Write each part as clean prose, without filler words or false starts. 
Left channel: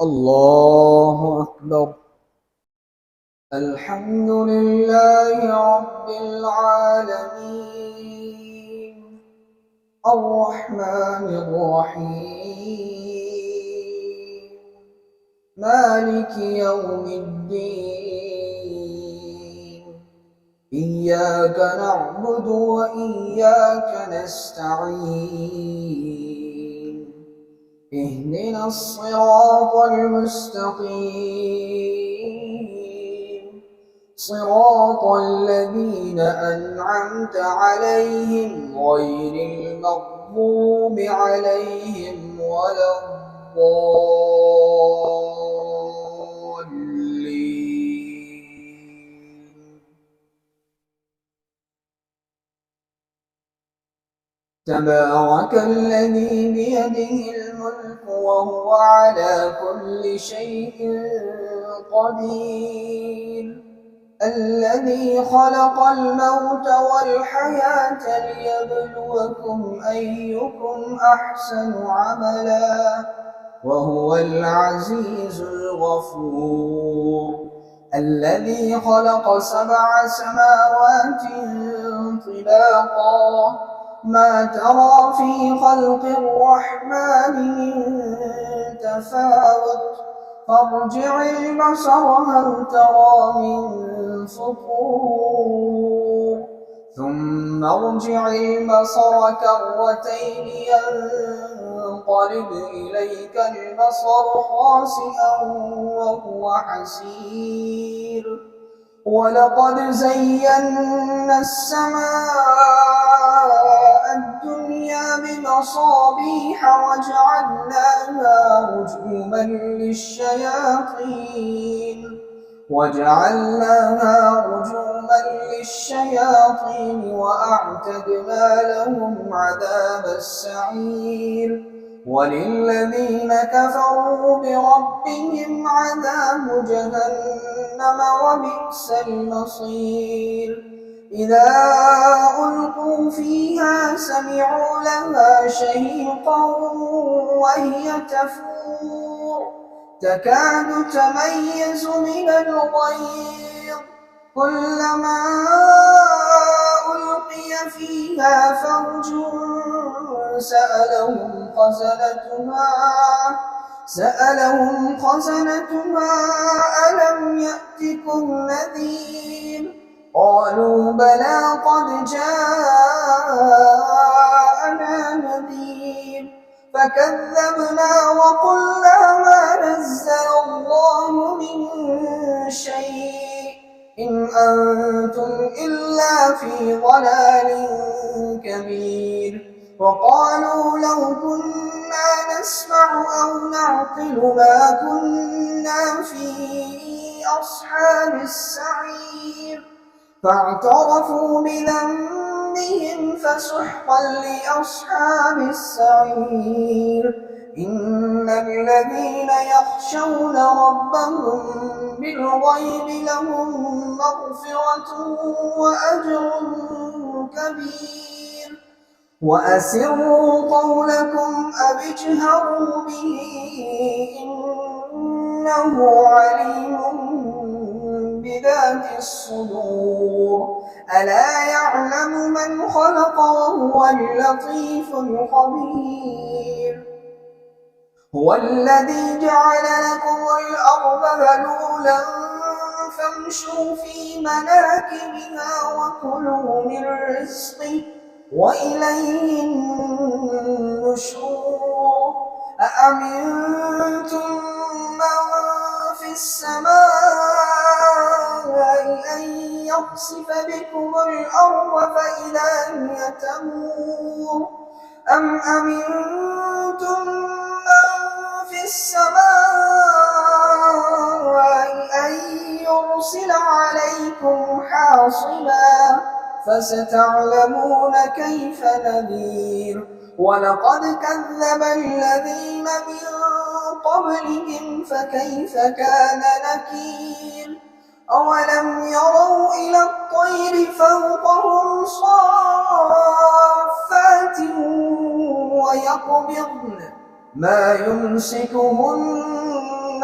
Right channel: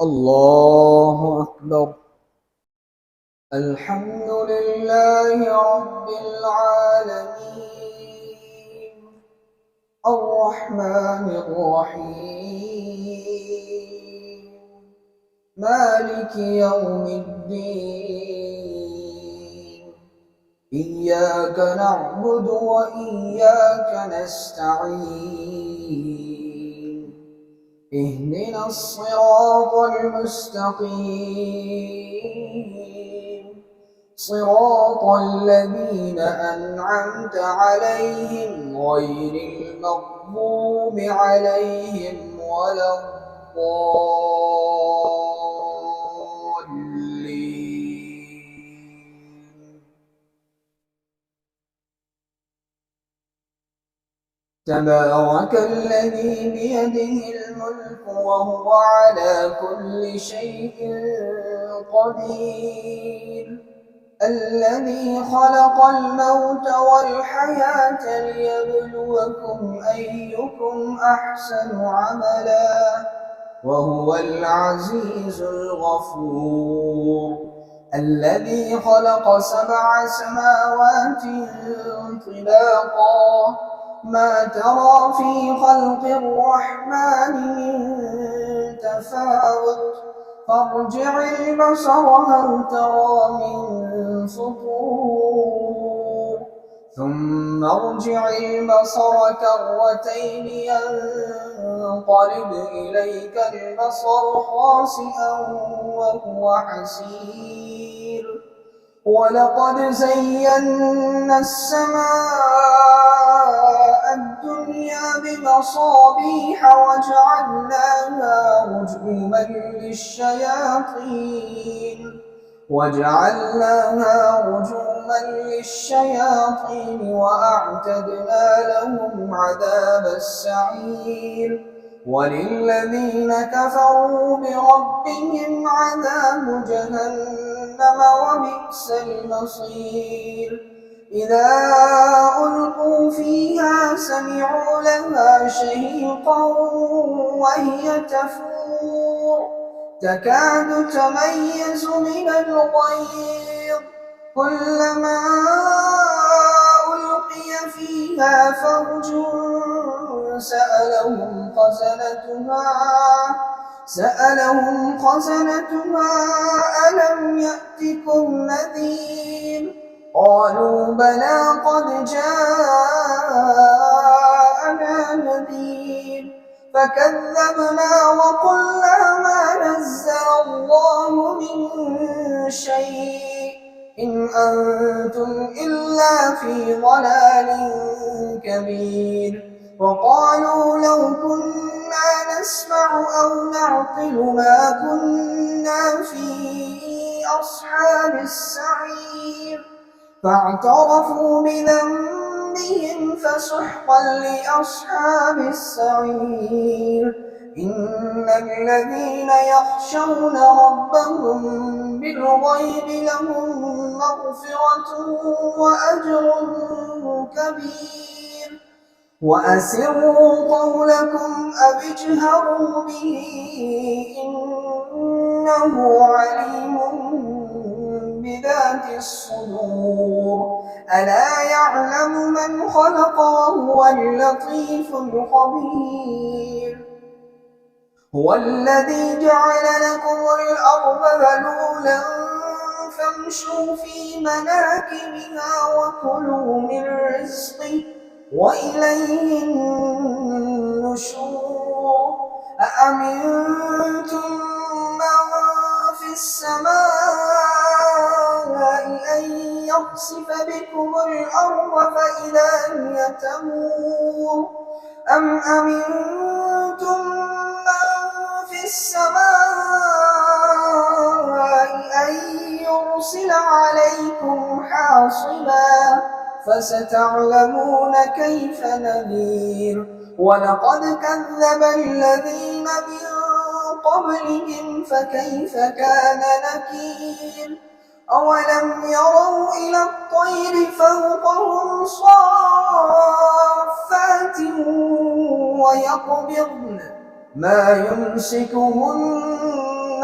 الله أكبر. الحمد لله رب العالمين الرحمن الرحيم مالك يوم الدين إياك نعبد وإياك نستعين اهدنا الصراط المستقيم صراط الذين أنعمت عليهم غير المغضوب عليهم ولا الضالين. تبارك الذي بيده الملك وهو على كل شيء قدير الذي خلق الموت والحياة ليبلوكم أيكم أحسن عملا وهو العزيز الغفور الذي خلق 7 سماوات طباقا ما ترى في خلق الرحمن من تفاوت فارجع البصر هل ترى من فطور ثم ارجع البصر كرتين ينقلب إليك البصر خاسئا وهو حسير ولقد زينا السماء الدنيا بمصابيح وجعلناها رجوما للشياطين وأعتدنا لهم عذاب السعير وللذين كفروا بربهم عذاب جهنم وبئس المصير إذا ألقوا فيها سمعوا لها شهيقا وهي تفور تكاد تميز من الغيظ كلما ألقي فيها فوج سألهم خزنتها ألم يأتكم نذير قالوا بلى قد جاءنا نذير فكذبنا وقلنا ما نزل الله من شيء إن أنتم إلا في ضلال كبير وقالوا لو كنا نسمع أو نعقل ما كنا في أصحاب السعير فاعترفوا بذنبهم فسحقا لأصحاب السعير إن الذين يخشون ربهم بالغيب لهم مغفرة وأجر كبير وأسروا قولكم أو اجهروا به إنه عليم بذات الصدور ألا يعلم من خلق وهو اللطيف الخبير هو الذي جعل لكم الأرض ذلولا فامشوا في مناكبها وكلوا من رزقه وإليه النشور أأمنتم من في السماء أن يخسف بكم الأرض فإذا هي تمور أم أمنتم من في السماء أن يرسل عليكم حاصبا فستعلمون كيف نذير ولقد كذب الذين من قبلهم فكيف كان نكير أولم يروا إلى الطير فوقهم صافات ويقبضن ما يمسكهن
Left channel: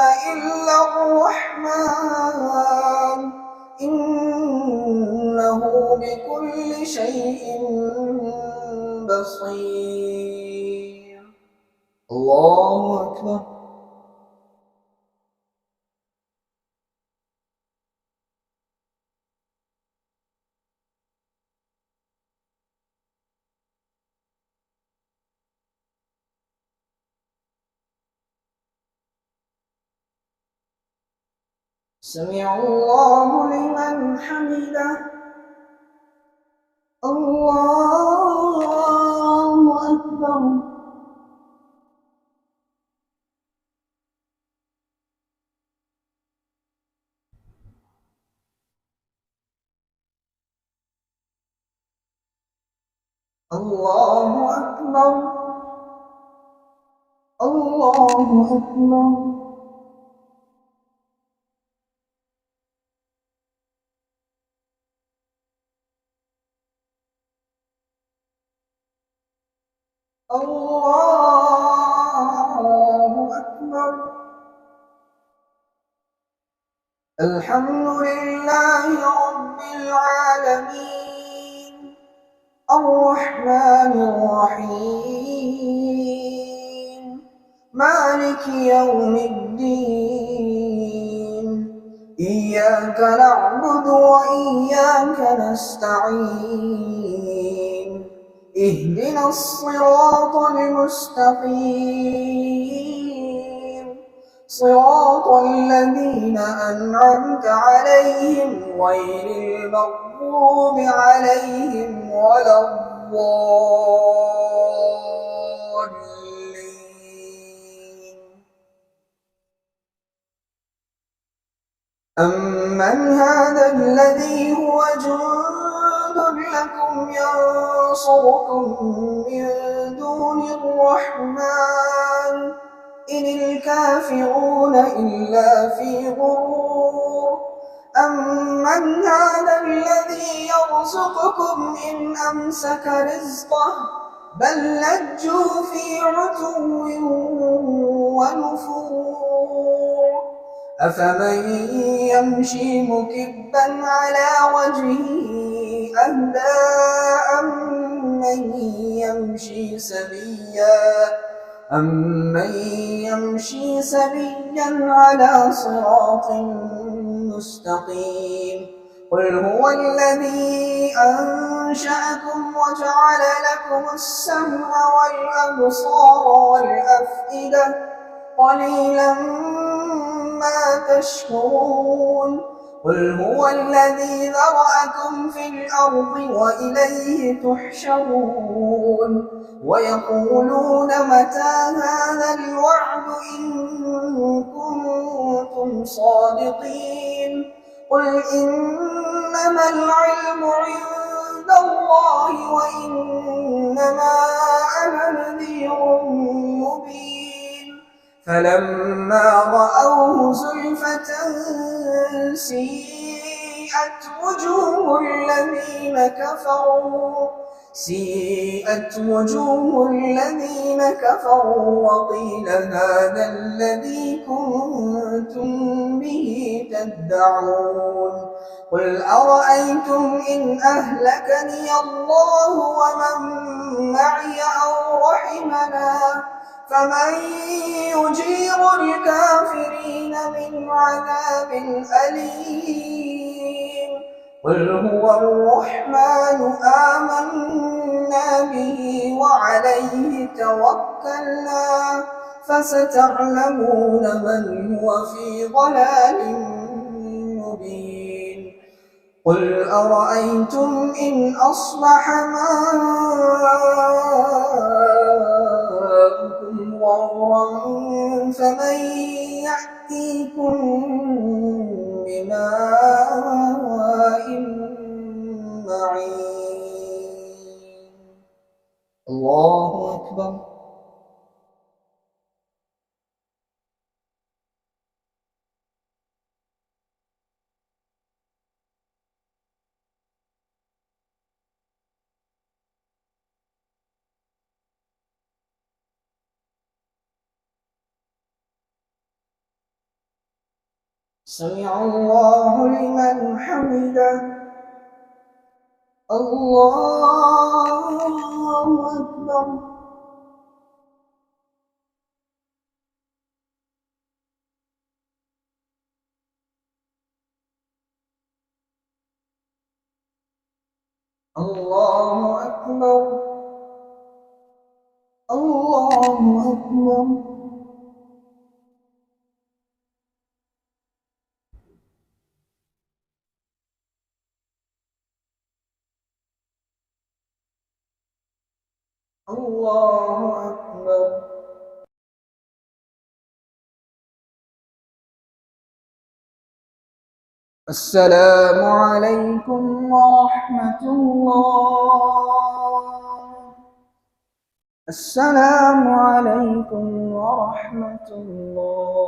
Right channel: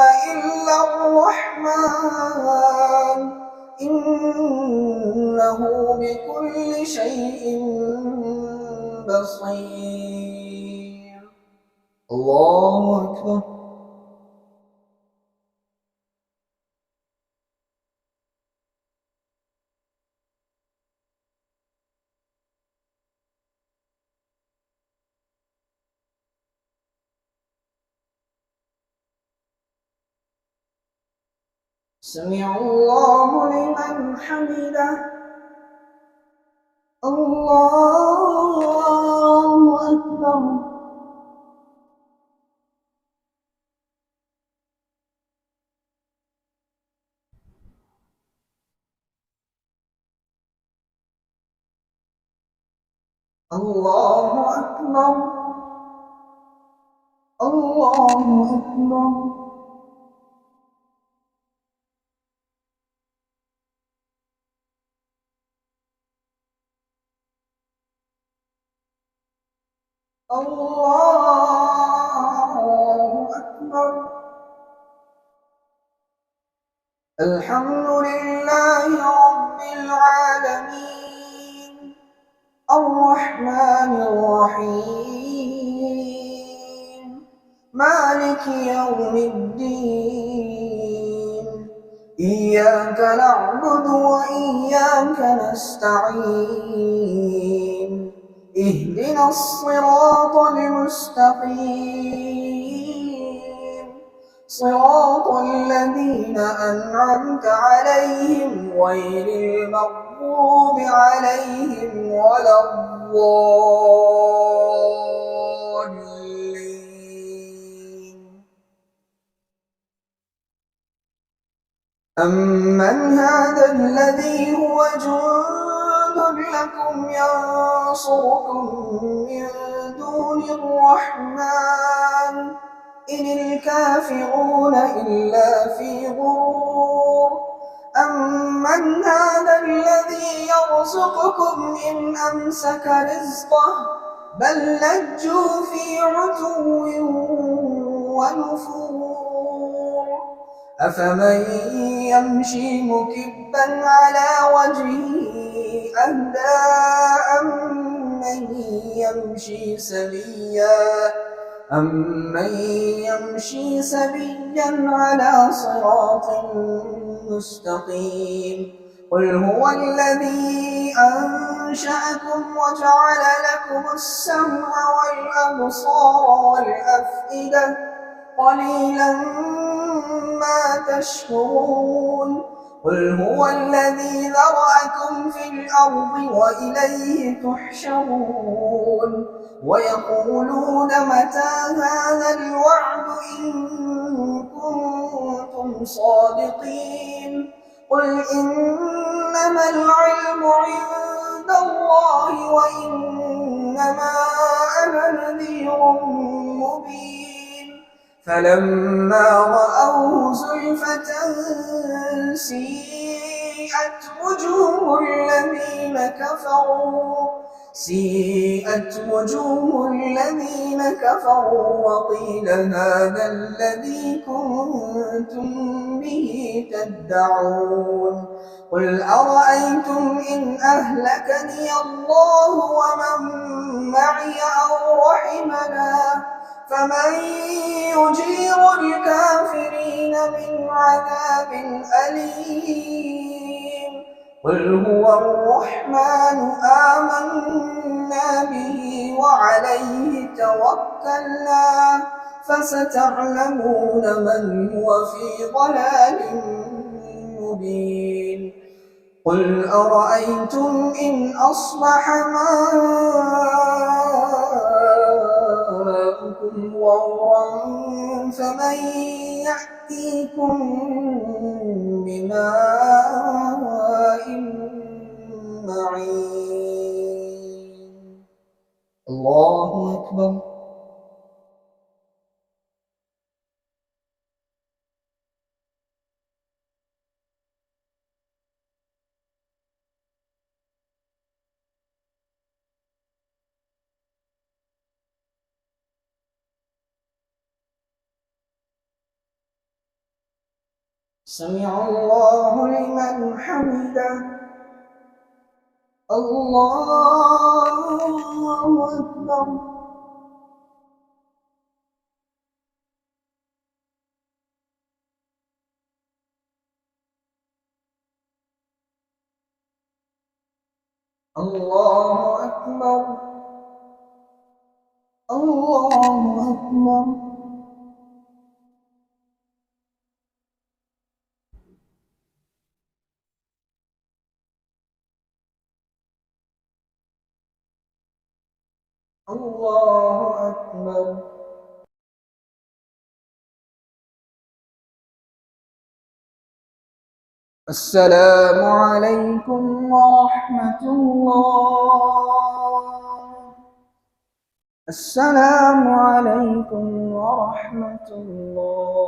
إلا الرحمن إنه بكل شيء بصير. الله أكبر. سمع الله لمن حمده. الله أكبر. الله أكبر. الله أكبر. الله أكبر. الحمد لله رب العالمين الرحمن الرحيم مالك يوم الدين إياك نعبد وإياك نستعين اهدنا الصراط المستقيم صراط الذين أنعمت عليهم غير المغضوب عليهم ولا الضالين. أمن هذا الذي هو جند لكم ينصركم من دون الرحمن إن الكافرون إلا في غرور. أمن هذا الذي يرزقكم إن أمسك رزقه بل لجوا في عتو ونفور. أفمن يمشي مكبا على وجهه أهدى أمن يمشي سويا على صراط مستقيم. قل هو الذي أنشأكم وجعل لكم السمع والأبصار والأفئدة قليلا ما تشكرون. قل هو الذي ذرأكم في الأرض وإليه تحشرون. ويقولون متى هذا الوعد إن كنتم صادقين. قل إنما العلم عند الله وإنما أنا نذير مبين. فلما رأوه زلفة سيئت وجوه الذين كفروا وقيل هذا الذي كنتم به تدعون. قل أرأيتم إن أهلكني الله ومن معي أو رحمنا فمن يجير الكافرين من عذاب أليم. قل هو الرحمن آمنا به وعليه توكلنا فستعلمون من هو في ضلال مبين. قل أرأيتم إن أصبح ماؤكم غورا فمن يأتيكم بماء معين. الله أكبر. سمع الله لمن حمده. الله أكبر. الله أكبر. الله أكبر. الله أكبر. السلام عليكم ورحمة الله. السلام عليكم ورحمة الله.